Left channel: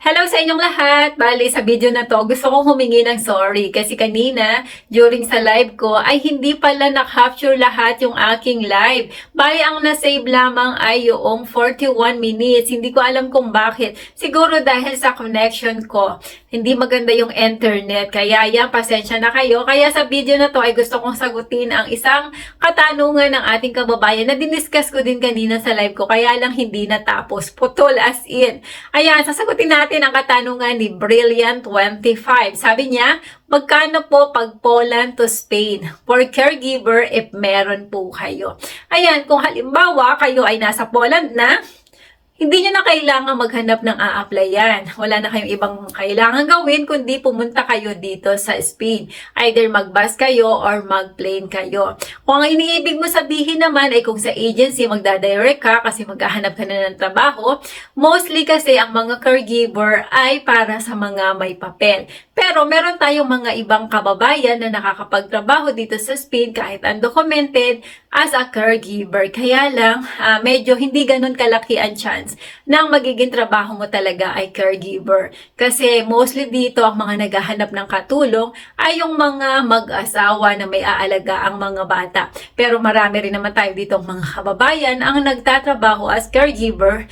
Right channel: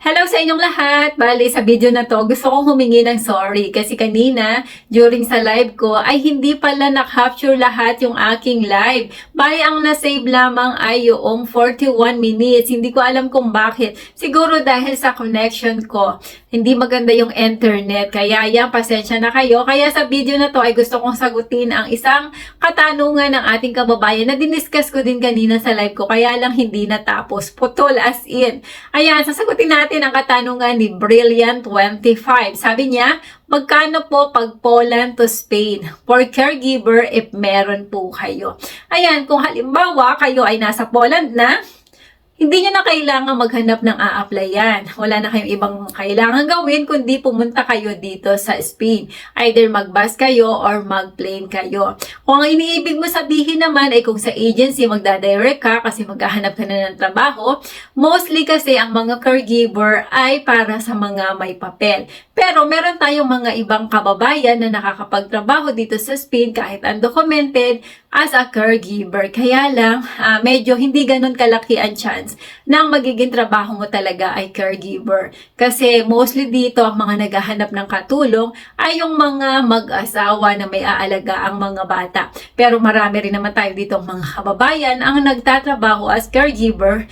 Hello sa inyong lahat! Bali, sa video na to, gusto kong humingi ng sorry kasi kanina, during sa live ko, ay hindi pala na-capture lahat yung aking live. Bali, ang na-save lamang ay yung 41 minutes. Hindi ko alam kung bakit. Siguro dahil sa connection ko, hindi maganda yung internet. Kaya yan, pasensya na kayo. Kaya sa video na to ay gusto kong sagutin ang isang katanungan ng ating kababayan na diniscuss ko din kanina sa live ko. Kaya lang hindi natapos. Putol as in. Ayan, sasagutin natin ang katanungan ni Brilliant25. Sabi niya, magkano po pag Poland to Spain for caregiver if meron po kayo? Ayan, kung halimbawa kayo ay nasa Poland na, hindi nyo na kailangan maghanap ng a-applyan. Wala na kayong ibang kailangan gawin kundi pumunta kayo dito sa Spain. Either mag-bus kayo or mag-plane kayo. Kung ang iniibig mo sabihin naman ay kung sa agency magdadirect ka kasi maghahanap ka na ng trabaho, mostly kasi ang mga caregiver ay para sa mga may papel. Pero meron tayong mga ibang kababayan na nakakapagtrabaho dito sa Spain kahit undocumented as a caregiver. Kaya lang, medyo hindi ganun kalaki ang chance nang magiging trabaho mo talaga ay caregiver. Kasi mostly dito, ang mga naghahanap ng katulong ay yung mga mag-asawa na may aalaga ang mga bata. Pero marami rin naman tayo dito mga kababayan ang nagtatrabaho as caregiver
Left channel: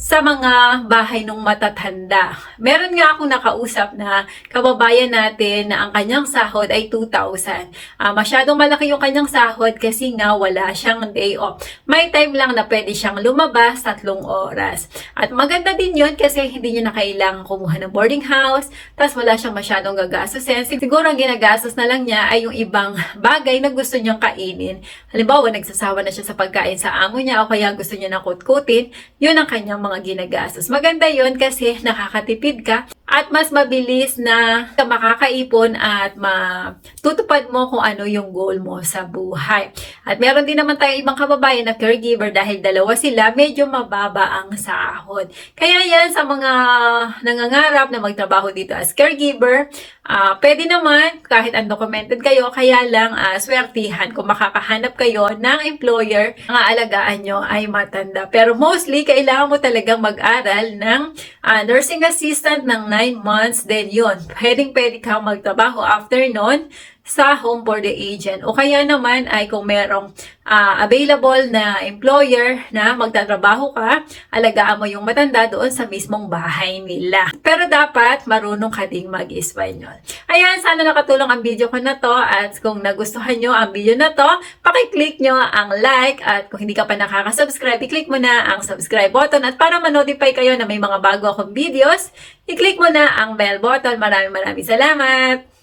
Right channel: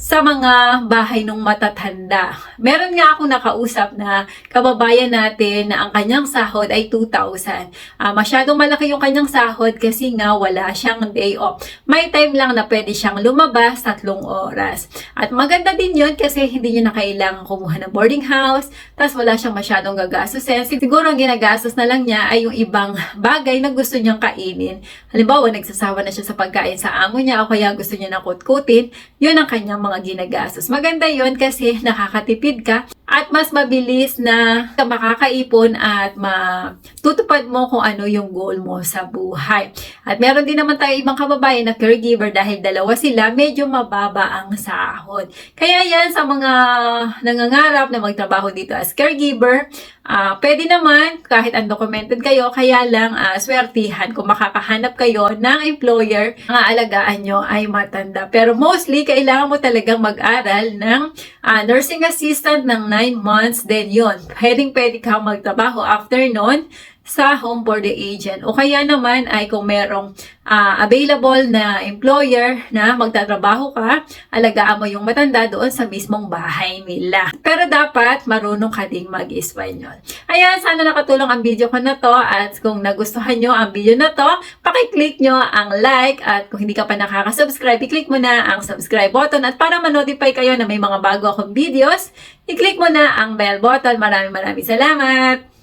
sa mga bahay ng matatanda. Meron nga akong nakausap na kababayan natin na ang kanyang sahod ay 2,000. Masyadong malaki yung kanyang sahod kasi nga wala siyang day off. May time lang na pwede siyang lumabas 3 oras. At maganda din yun kasi hindi niya na kailangan kumuha ng boarding house, tapos wala siyang masyadong gagastusin. Siguro ang ginagastos na lang niya ay yung ibang bagay na gusto niyang kainin. Halimbawa, nagsasawa na siya sa pagkain sa amo niya o kaya gusto niya na kutkutin, yun ang kanyang mga ginagastos. Maganda yun kasi nakakatipid ka at mas mabilis na makakaipon at matutupad mo kung ano yung goal mo sa buhay. At meron din naman tayo ibang kababayan na caregiver dahil dalawa sila, medyo mababa ang sahod. Kaya yan sa mga nangangarap na magtrabaho dito as caregiver, pwede naman kahit undocumented kayo, kaya lang swertihan kung makakahanap kayo ng employer ang aalagaan nyo ay matanda. Pero mostly, kailangan mo talagang mag-aral ng nursing assistant ng 9 months, then yun, pwede ka magtrabaho after nun sa home for the agent. O kaya naman ay kung merong available na employer na magtatrabaho ka, alagaan mo yung matanda doon sa mismong bahay nila. Pero dapat marunong ka ding mag-Espanyol. Ayan, sana nakatulong ang video ko na to at kung nagustuhan nyo ang video na to, pakiclick nyo ang like at kung hindi ka pa nakaka-subscribe, i-click mo na ang subscribe button at para ma-notify kayo na may mga bago akong videos, i-click mo na ang bell button. Maraming salamat!